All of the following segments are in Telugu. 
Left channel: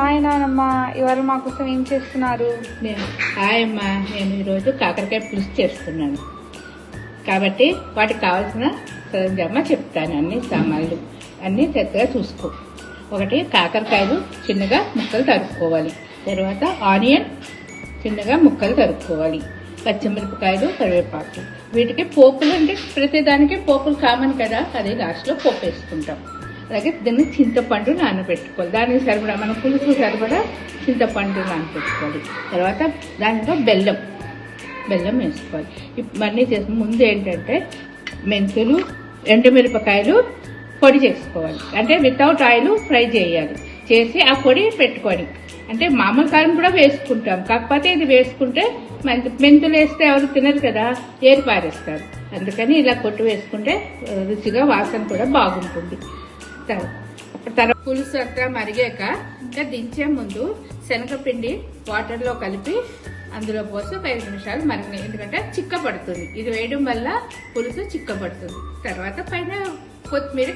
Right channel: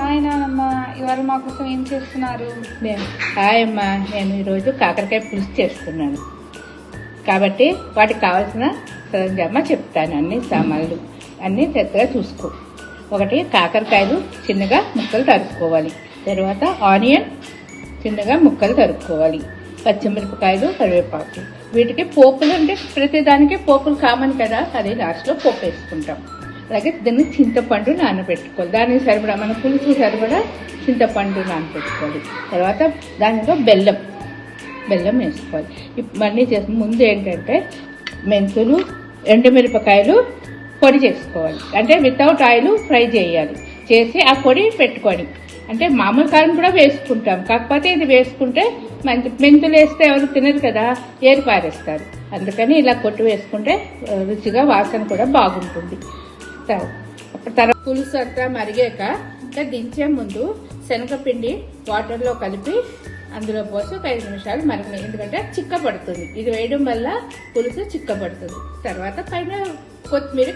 హాయ్ నానమ్మ, ఇవాళ మా కోసం ఏం చేస్తున్నారు? హాయ్ అమ్మా, నేను ఈరోజు కాకరకాయ పులుసు చేస్తున్నాను కాబట్టి వాటికి కావాల్సిన సరంజామా చెప్తాను. అన్ని సామాన్లు అన్ని చక్కగా చూసుకో. ఒకటి, కాకరకాయలు చిన్నగా ముక్కలు తరుక్కోవాలి. తర్వాత ఆనియన్ చిన్నగా ముక్కలు తరుక్కోవాలి. పచ్చిమిరపకాయలు, కరివేపాకు. వీటికి పోపులు అంటే ప్రతిదానికి పోపులు కామన్ కదా, అది లాస్ట్లో పోపు వేసుకుంటాం. అలాగే దీన్ని చింతపండు నానబెట్టుకోవాలి. దానికి సరిపడా మన పులుసు సరిపడా చింతపండు నానబెట్టుకోవాలి. తర్వాత దానిలో బెల్లం వేసుకోవాలి. ఇవన్నీ చేసిన ముందు ఏంటంటే మెంతులు, ఎండుమిరపకాయలు పొడి చేసుకోవాలి. అంటే వితౌట్ ఆయిల్ ఫ్రై చేయాలి. చేసి ఆ పొడి పెట్టుకోవాలి. అంటే మామూలు కారం కూడా వేసుకుంటాం, కాకపోతే ఇది వేసుకుంటే మెంతులు వేస్తే ఎవరు తినరు కదా, ఏరి పారేస్తారు. అందుకని ఇలా కొట్టి వేసుకుంటే రుచిగా వాసన కూడా బాగుంటుంది. తర్వాత పులుసు అంతా మరిగాక ఇంకా దించే ముందు శనగపిండి వాటర్లో కలిపి అందులో పోసి ఒక 5 నిమిషాలు మరిగినాయి. ఎందుకంటే చిక్కపడుతుంది, ఇది వేయడం వల్ల పులుసు చిక్కపడుతుంది. తర్వాత పైన కొత్తిమీర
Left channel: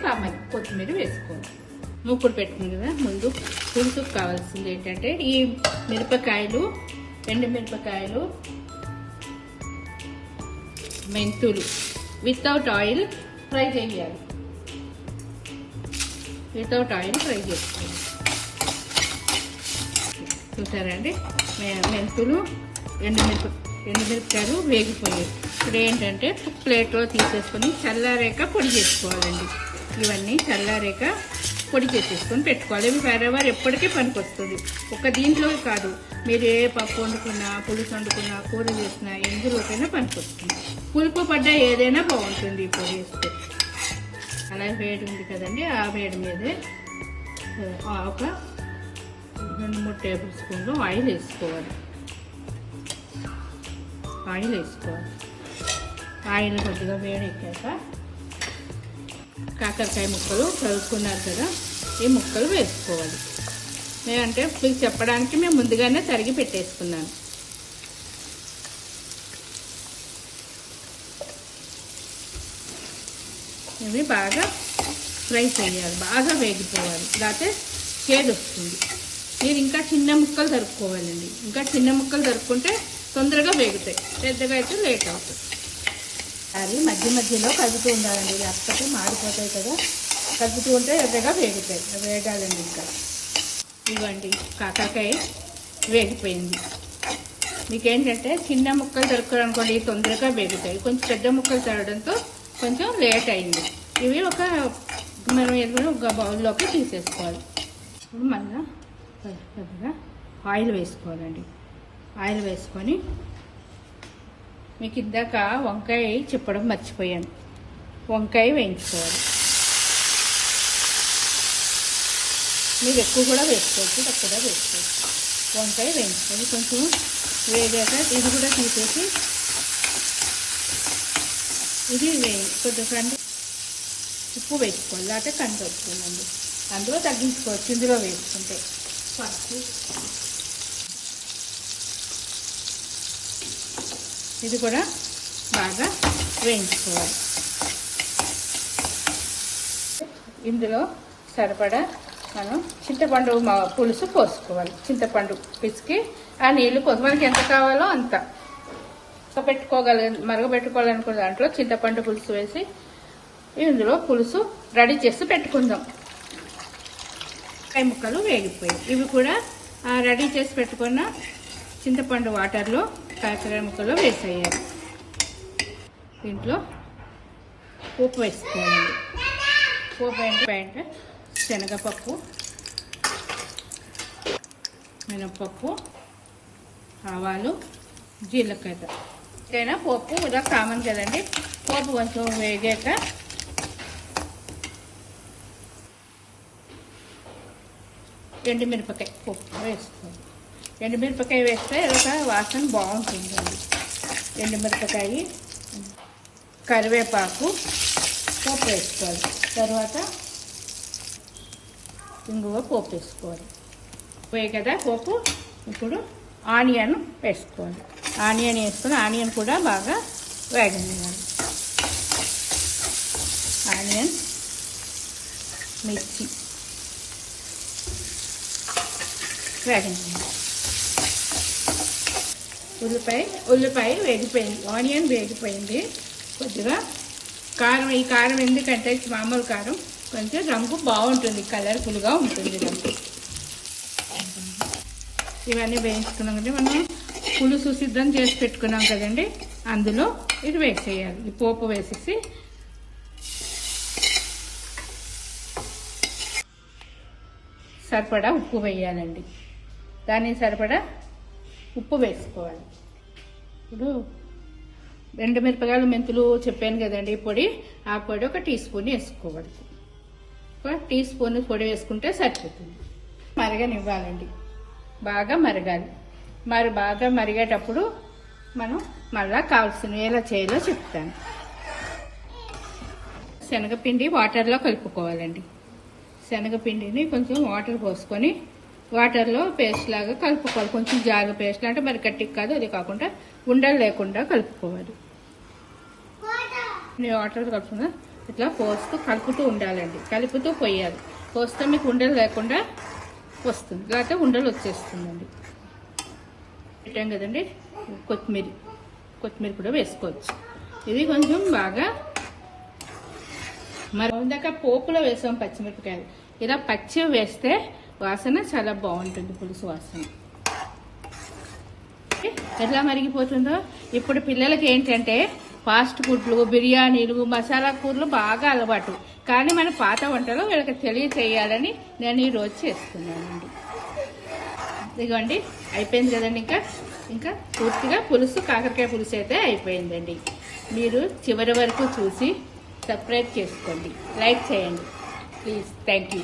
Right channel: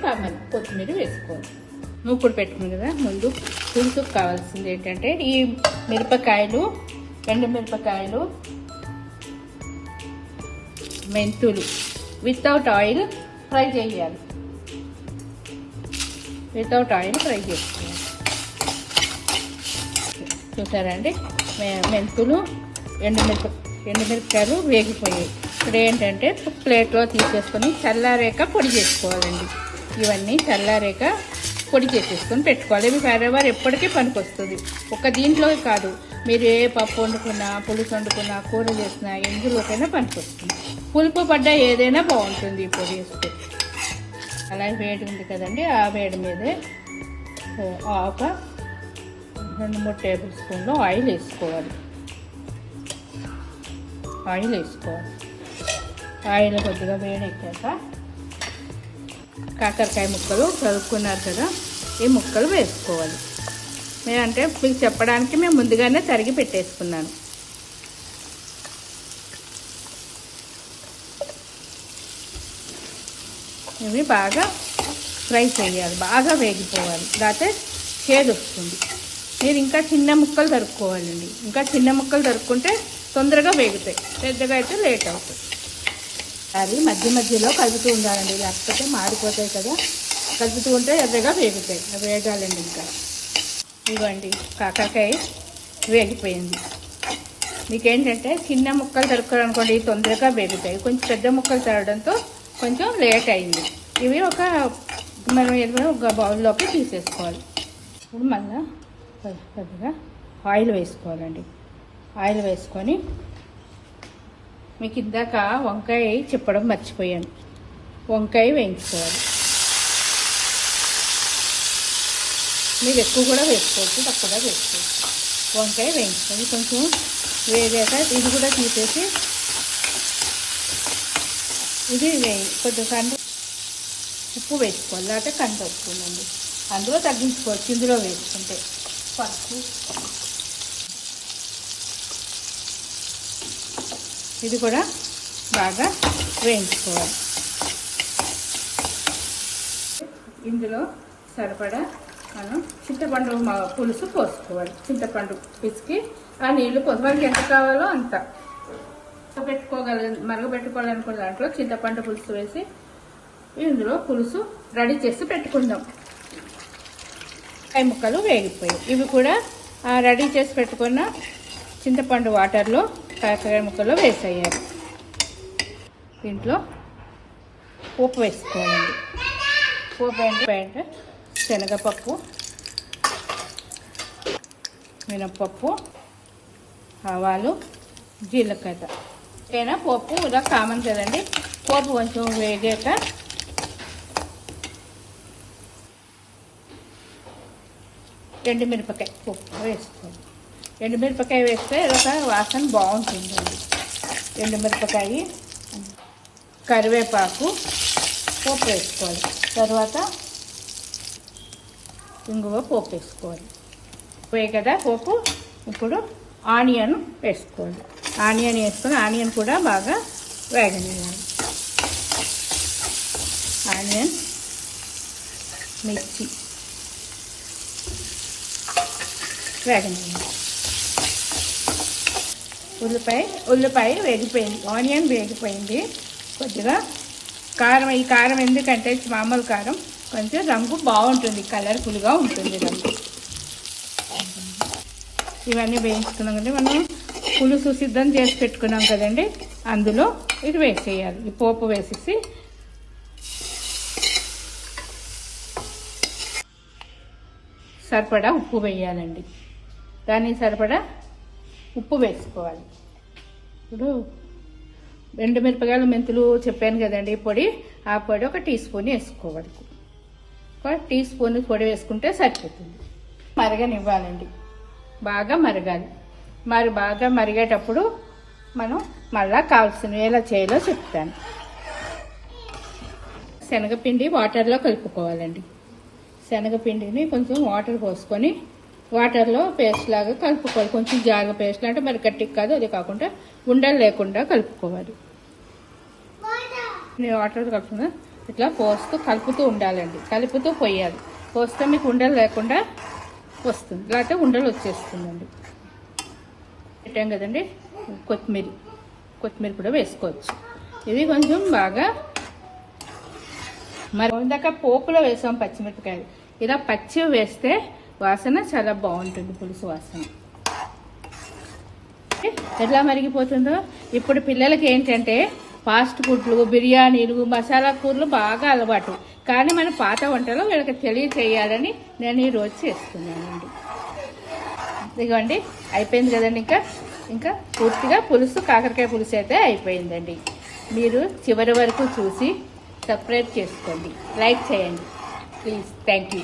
వేసుకోవాలి. మూకుడు పెట్టుకుంది కదా, ముందు పులుసుకు కావాల్సింది ఏంటంటే ఈ మిరపకాయలు, ఎండుమిరపకాయలు, మెంతులు వితౌట్ ఆయిల్ ఫ్రై చేయాలి. చేసుకోవాలి. చూసారండి, మెంతులు, ఎండుమిరపకాయలు వేగిపోయాయి. ఇప్పుడు ఏంటంటే ప్లేట్లో తీసేసుకొని చల్లారేక పొడి చేసుకోవాలండి. ఇవన్నీ చల్లారేక పొడి చేసేసుకొని పెట్టుకోవాలి. ఇవి వేరేవారు ఎప్పటికీ పనికొస్తుంది. ఒక దీంట్లో కాదు, మీరు ఏ పప్పు వండుకున్నా, పులుసు వండుకున్నా, కూర చేసినా ఎందులోకైనా పనికొస్తుంది. పులుపు పడ్డ ఏదైనా బాగుంటుంది ఈ పొడి వేస్తే. అలా వేడి ఉంది కదండి, ఆ వేడి మీదే ఒక 2-3 టేబుల్ స్పూన్లు ఆయిల్ వేసుకోవాలి. ఆయిల్ కొద్దిగా వేడెక్కాక కాకరకాయ ముక్కలు కలుపుకున్నారు కదా, ఈ ముక్కలు వేసుకోవాలి. నేనంటే మీకు చెప్పడానికి మేము ముందుగానే తరిగి పెట్టేసుకున్నాను. ఇవి బాగా ఫ్రై చేయాలి, బాగా వేగిపోవాలి, లేకపోతే చేదు వస్తుంది. మీరు ఇంకా చిన్న ముక్కలు తరుక్కోవాలండి. ఇంకా చిన్న ముక్కలు తరుక్కుంటే తొందరగా వేగుతాయి, పెద్దగా అయితే లేట్ అవుతుంది. అది మధ్యలో కలుపుతూ ఉండాలండి, లేకపోతే మాడిపోతాయి కదా. కలుపుతూ ఉంటే ఎర్రగా వేగుతాయి. వేగాలండి. ఇంకా ఇవ్వండి, కాకరకాయ వేగిపోయింది. మీకేంటంటే చిన్న ముక్కలు తరుక్కోవాలనుకోండి, తొందరగా వేగుతాయి. కొంచెం పెద్ద ముక్కలు తరగడంతో కొంచెం లేట్ అయింది. ఇవి ఒక బౌల్లోకి తీసేసుకోవాలి. ఇప్పుడు మళ్ళీ పెద్దగా ఆయిల్ వేసుకోవాలండి. ఆయిల్ వేసుకొని, మీకు ఇందాక వంకాయ చెప్పడం మర్చిపోయాను, వంకాయ వేయించుకోవాలి. మీరు ఎక్కువ కూడా వేసుకోవచ్చు, తక్కువ వేసుకోవచ్చు. వంకాయ వేయించుకోవాలి. కొంచెం వేగాక ఇది కూడా తీసేసి ఇది కొద్దిగా కంది ఉప్పు వేసుకోవాలి, లేకపోతే కంది వస్తుందండి. అందులో తగ్గించుకోవచ్చు ఇందులో వేసుకుంటే. పసుపు, ఇది కూడా బాగా వేయించుకోవాలి. ఇందులో సరిపడా మనం చింతపండు పులుసు పోసుకోవాలి. చింతపండు పిసికి ఆ నీళ్లు పోసి మనకి ఎంత కావాలో అంత మరగబెట్టుకోవాలనుకున్న దాంట్లో చింతపండు పులుసు వేసి ఇందులో పులుసు రెడీ చేసి పెట్టుకుందాం. కాయ ముక్కలు వేగిపోయాయి. ఇవి కూడా రెడీ చేసి పెట్టుకున్న చింతపండు వాటర్లో కాకరకాయ ముక్కలు వేసేయాలి. దీంట్లో పోపు వేసుకోవాలి. పోపు అంటే శనగపప్పు, మినప్పప్పు, ఆవాలు, జీలకర్ర. ఏదైనా పోపు ఇలా కామన్ కదండి. పోపు కొంచెం వేగాక ఎండుమిరపకాయ పోపు వేసుకోవాలి. ఎండుమిరపకాయ వేస్తే ఒక వాసన బాగుంటుందండి. ఎండుమిరపకాయ, కరివేపాకు, పోపు వేసుకోవాలి. తర్వాత ఇంగువ పోపు వేసుకోవాలి. కదా పోపు. ఇప్పుడు ఆనియన్ వేసుకోవాలి. ఆనియన్ వేసుకొని ఆనియన్ కూడా బాగా వేగనివ్వాలి. ఆనియన్, మిర్చి, వేగనివ్వండి. ఉల్లిపాయ వేగిపోయింది, ఆనియన్ వేగిపోయింది. కొద్దిగా కారం, ఈ కారం ఎందుకంటే మామూలు కారం కొంచెం రంగు బాగుంటుంది, కలర్ఫుల్గా ఉంటుంది రంగు. ఇవన్నీ వేయించుకున్నాం కదండి, మనం పులుసు సిద్ధం చేసి పెట్టుకున్నాం కదండి, అందులో ఇది వేసేయాలి. ఈ పోపు వేసేసి సరిపడా ఉప్పు వేయాలండి. దానికి సరిపడా ఉప్పు వేసుకోవాలి. ఇప్పుడు 2 మిరపకాయలు మెంతులు చెప్పాను కదండి పొడి, ఆ పొడి 1 టీ స్పూన్ వేసుకోవాలి. 1 టీ స్పూన్ పొడి వేసుకుంటే సరిపోతుంది. మరగనివ్వాలండి, బాగా మరగాలి. మరి బాగా మరిగేటప్పుడు మనం మళ్ళా కావాల్సినవి ఎలా చేయాలో చెప్తాను. శనగపిండి వాటర్లో కలుపుకోవాలండి. శనగపిండిని కొంచెం వాటర్ పోసుకొని వాటర్లో పేస్ట్ లాగా కలుపుకోవాలి. కొంచెం జాగ పేస్ట్ అంటే మరి గట్టికి కాదు, అది కాకుండా ఉండలు లేకుండా కలుపుకోవాలి. వాటర్ కలుపుకున్నా ఇట్లా పోస్తూ కలుపుతూ ఉండాలండి, కలుపుతూ పోయాలి. పోస్తే మీకు ఉండలు లేకుండా వస్తుంది, లేకపోతే ఉండలు వచ్చేస్తుందండి. పెట్టాం కదండి, కొత్తిమీర కూడా వేసుకోవచ్చు. ఇవి కొంచెం బాగా మరి ఇందాక పోపులో వేసాం పచ్చిమిరపకాయలు, ఇలా పచ్చి వేస్తే వాసన చాలా బాగుంటుంది, పులుసు వాసన. ఎట్లా మరిగిపోతుందో ఇప్పుడు పిల్లలకి ఏంటంటే ఫాస్ట్ ఫుడ్లు, బిర్యానీలు, మసాలా కూరలు బాగా అలవాటు. కానీ మన పాత వంటలు వీళ్ళకి తెలియచేయాలని నేను ఈరోజు చేస్తున్నానండి. ఇదిగోండి అయిపోయింది కదండి. ఇంకా పూర్తిగా పులుసు, కాకరకాయ పులుసు అయితే అయిపోయిందండి. మీరు చివరి వరకు చూసి సబ్స్క్రైబ్ చేసుకోండి, లైక్ చేయండి ప్లీజ్. Thank you.